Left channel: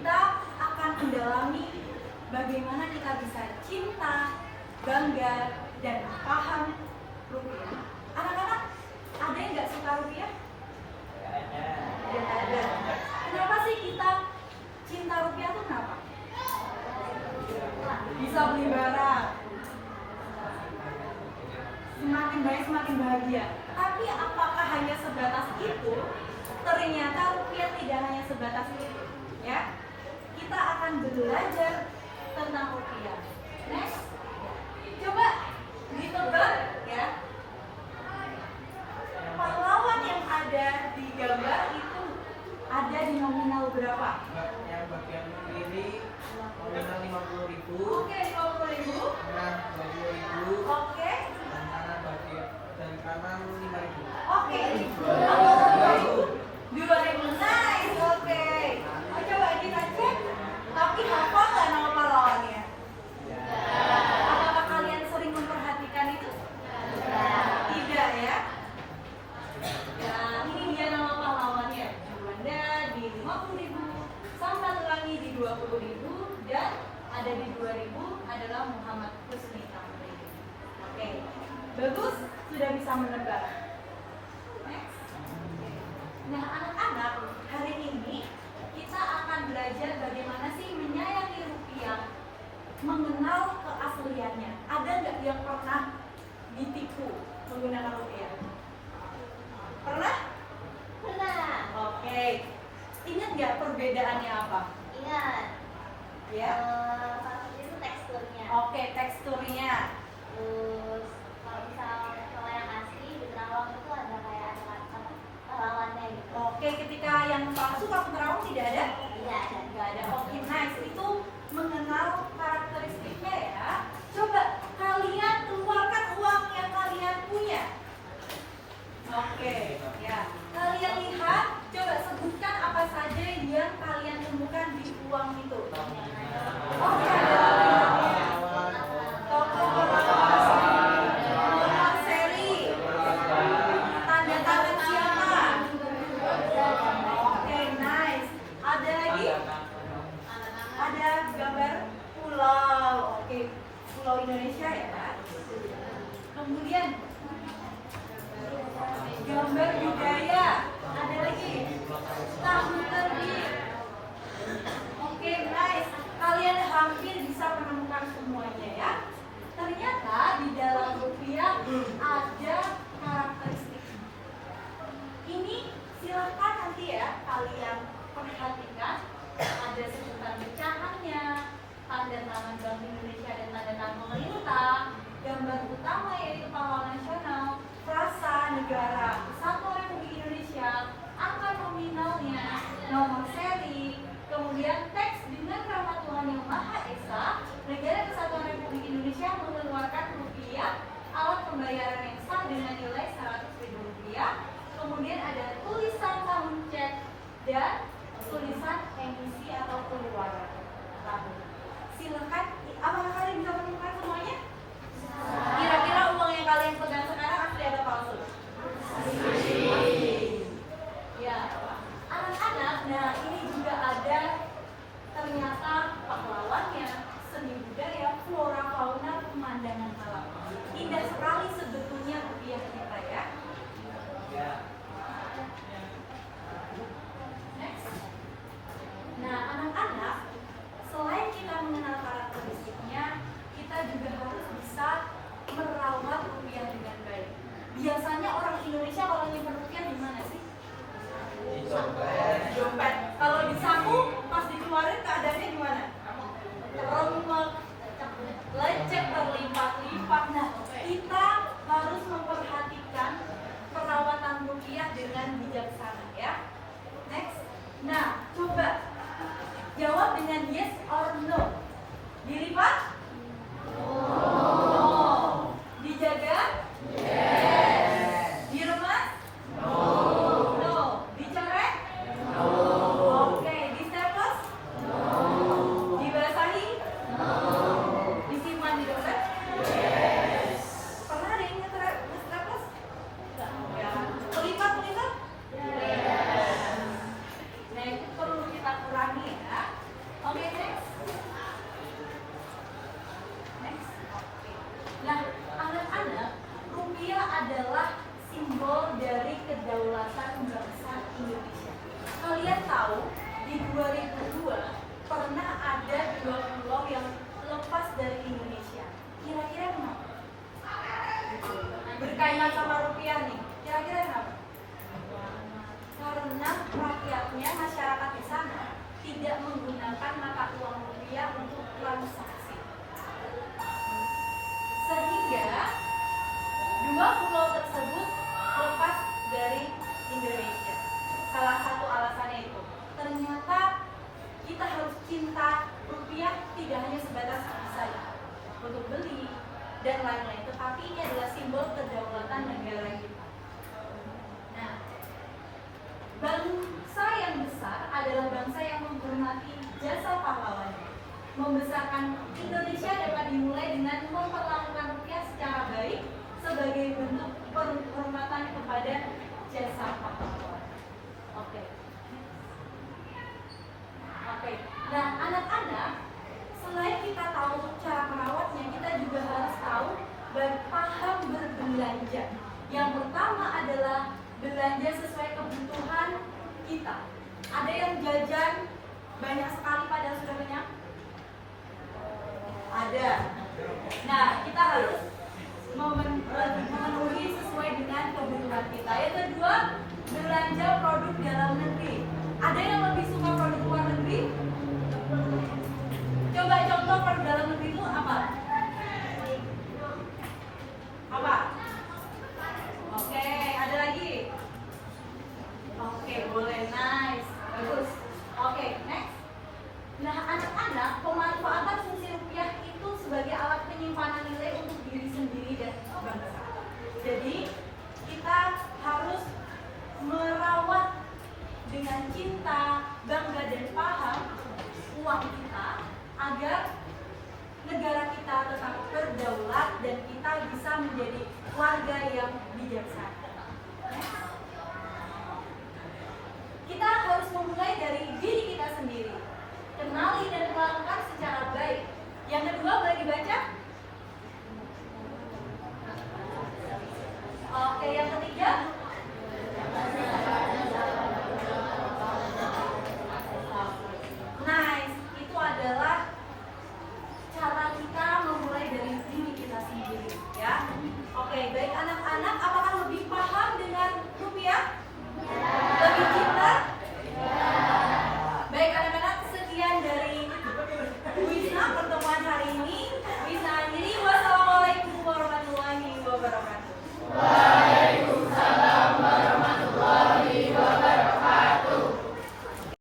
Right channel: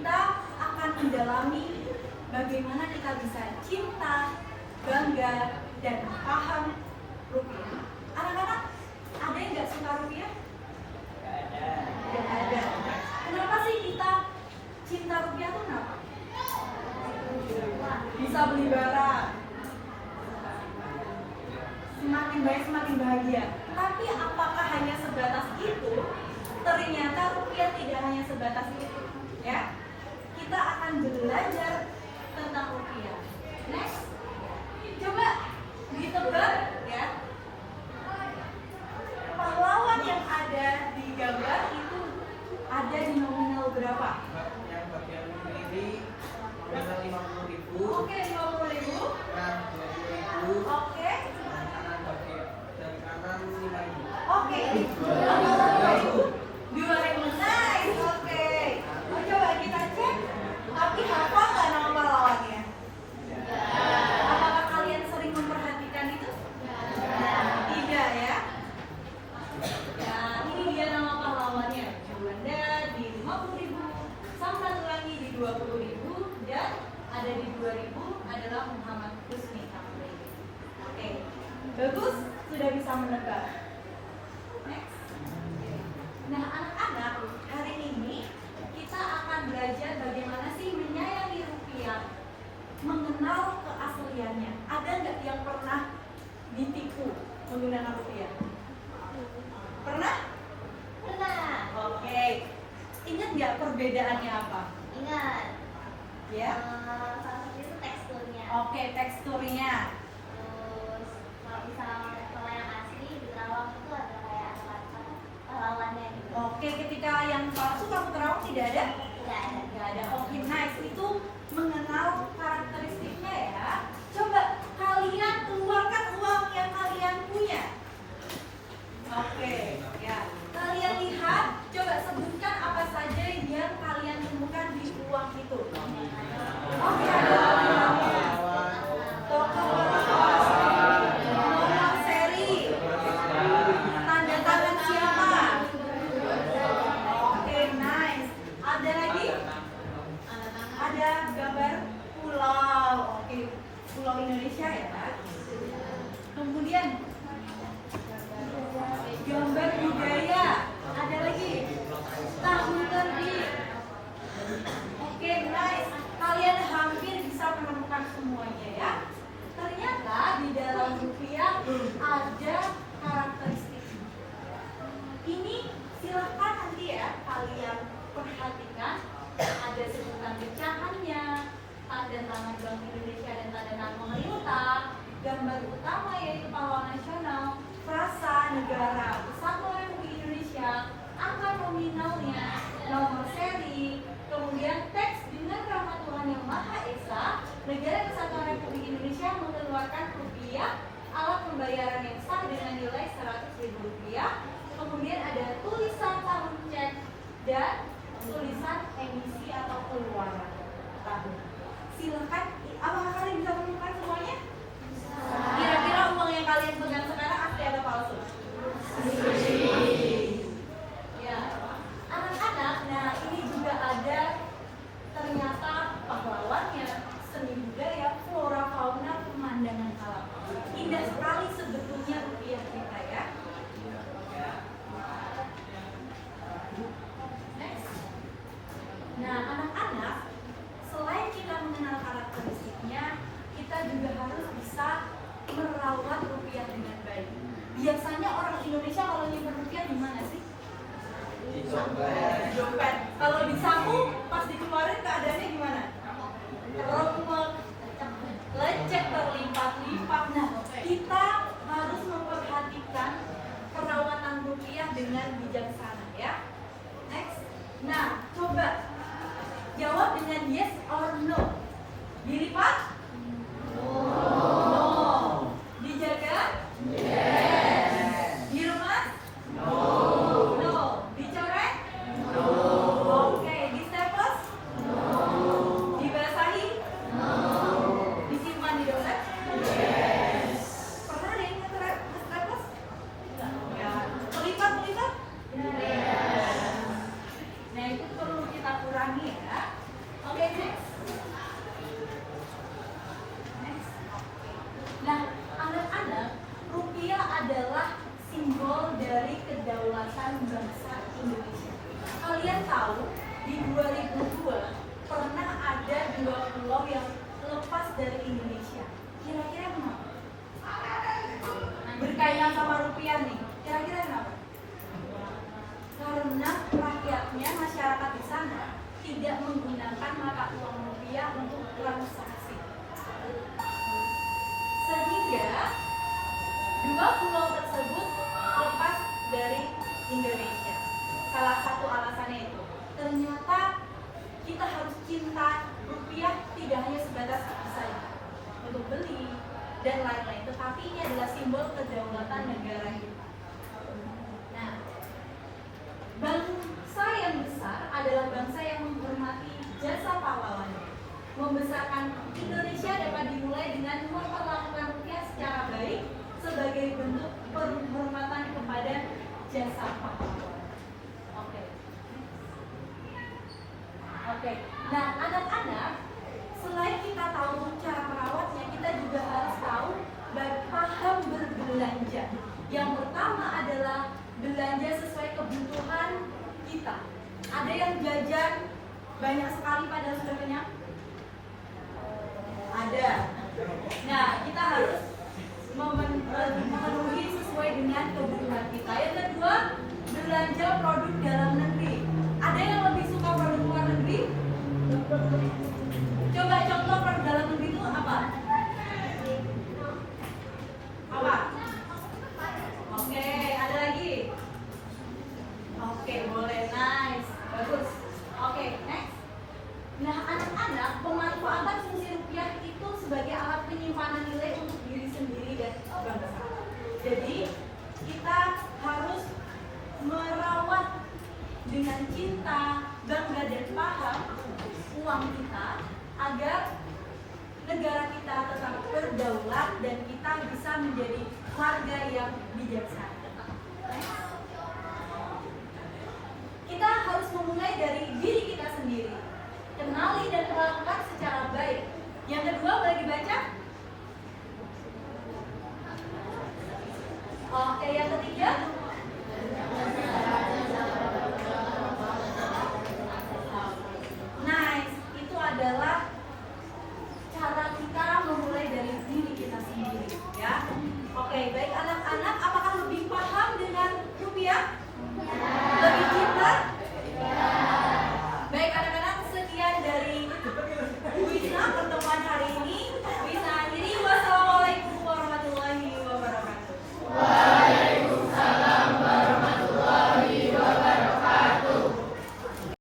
kita akan mendalami bagaimana kita bisa cinta, bangga, dan paham rupiah. Anak-anak, ada yang nggak suka rupiah? Nggak ada. Kenapa sih kita cinta rupiah itu kenapa? Bisa beli barang, semakin banyak semakin bahagia. Tapi apakah hanya sebatas itu? Ternyata rupiah tidak hanya sebatas itu, ya. Kita akan belajar tentang rupiah. Next, coba ditebak ya. Pahlawan yang ada di gambar itu ada di nominal berapa? Yang bagian kiri nominal 50.000. Oke, 50.000. Nah, 20.000. Oke. Dan kanan 5.000. Oke. 2.000. Nice. Oke. Oh, coba kita cek. Tapi hafal nggak nama pahlawannya? Apakah kalian sering memperhatikan itu? Tidak ya. Nah, ini dia nama pahlawannya. Juanda di 50.000, Samratulangi di 20.000, dan ada di 2.000 adalah Muhammad Husni Tamrin. Oke, bagus, sudah bisa menebak. Next. Nah, anak-anak, hari ini kita akan belajar bagaimana sih menyayangi rupiah, mengenal keasliannya. Ada nggak yang pernah ditipu menggunakan rupiah? Pernah? Pernah. Oke. Ingat nggak perbedaannya apa? Ingat. Ya. Salah satu itu teksturnya. Oke, teksturnya. Terus kalau yang asli di Karawang itu ada kayak potongannya gitu. Oke, ketika yang palsu kalau Kerawang tidak ada? Tidak ada. Nggak ada. Oke, nice. Itu mengenal karakteristiknya ya. Coba kalian keluarkan uang yang kalian punya. Oke, ya. Kalian lihat, coba sebutkan apa saja yang kalian temukan di uang itu. Oke, ada nomor seri, tanda tangan siapa? Oke, nice. Ada lagi? Ada gambar pulau. Oke, pulau Indonesia ya. Kemudian gambar budaya. Ada lagi tahun terbit. Oke, nice. Kalian hampir bisa menemukan semuanya ya. Ternyata di dalam rupiah ada karakteristik. Ini silahkan nanti ya kalian perhatikan. Ada sebutan pecahannya, tanda tangan Bank Indonesia dan tanda tangan pemerintah, gambar utama yaitu pahlawan nasional, frasa negara Kesatuan Republik Indonesia, angka nominalnya, nomor seri, kemudian teks dengan rahmat Tuhan Yang Maha Esa, negara Kesatuan Republik Indonesia mengeluarkan rupiah, alat pembayaran yang sah dengan nilai 100.000 rupiah, kemudian ada tulisan tahun cek dan tulisan emisi atau keluaran tahun. Silakan, apakah kalian bisa menemukan semuanya? Kira-kira uang yang kalian pegang sekarang asli atau palsu? Ya, anak-anak, nah ini juga ada ternyata pahlawannya, seni budaya, flora fauna, pemandangan alam. Indah sekali sebetulnya rupiah kita ya. Next. Nah, anak-anak, selain kita mengenal karakteristiknya, kita juga harus bisa merawat rupiah dengan baik. Biasanya orang Indonesia kalau nyimpen rupiah di mana sih? Di dompet. Kalau di saku pas dikeluarin keadaannya gimana? Remuk, lecet, berlipat-lipat. Nah, kita harus memperhatikan perawatan rupiah dengan bijaksana ya. Next. Nah, coba jawab dengan yes or no. Dilipat? No. Dijaga? Yes. Diremas? No. Dicoret? No. Oke, distaples? No. Dibasahi? No. Disimpan di dompet? Yes. Pernah ada yang nge-staples? Ya. Pelipat-pelipat? Yes. Nah, itu perlu kita kurangi ya. Oke, next. Next. Nah, anak-anak, rupiah adalah simbol dari kedaulatan bangsa Indonesia. Kalian tahu di 2002 pernah ada 2 pulau yang lepas dari Indonesia. Kira-kira kenapa? Berkaitan sama rupiah nih. Kira-kira kenapa? Karena rakyatnya, masyarakat di sana tidak menggunakan mata uang rupiah untuk transaksi. Sehingga 2 pulau tersebut lepas dari Indonesia. Salah satu alasannya itu, ternyata kita harus cinta rupiah tidak hanya sebatas saja untuk beli dan lain-lain, tetapi ini adalah simbol kedaulatan negara kita. Nah, bangsa yang besar adalah bangsa yang menghormati jasa pahlawannya. Membesarkan Indonesia dapat dimulai dengan memperlakukan rupiah secara baik sebagai bentuk penghormatan kepada jasa pahlawan. Oke. Nah, anak-anak, selain kita tahu cara merawatnya, kita juga harus tahu paham berbelanja. Yang pertama adalah belanja sesuai kebutuhan kita. Ada yang jajan banyak sekali padahal sudah kenyang? Ada. Nah, kita harus memenuhi sesuai dengan kebutuhan kita. Yang kedua, belanja produk dalam negeri. Ada yang lebih suka produk luar negeri? Coba contoh produk dalam negeri itu apa? Apa? Oke, ada lagi? Oke, boleh, nice, bagus. Oke, next. Nah, anak-anak, pemanfaatan fungsi rupiah itu sebagai alat penyimpanan nilai untuk diri sendiri dan bangsa. Jadi, kita harus merawat dengan cinta, bangga dan paham uang kita agar negara kita tetap berdaulat dan kita bisa menjadi warga yang bijaksana. Kita harus memulai dari diri kita sendiri, kenali dan melakukan secara baik. Yang kedua, bagi baca. Oke, yang ketiga, nice, itu adalah cara kita memulai dari diri kita sendiri, ya. Oke, baik anak-anak, apa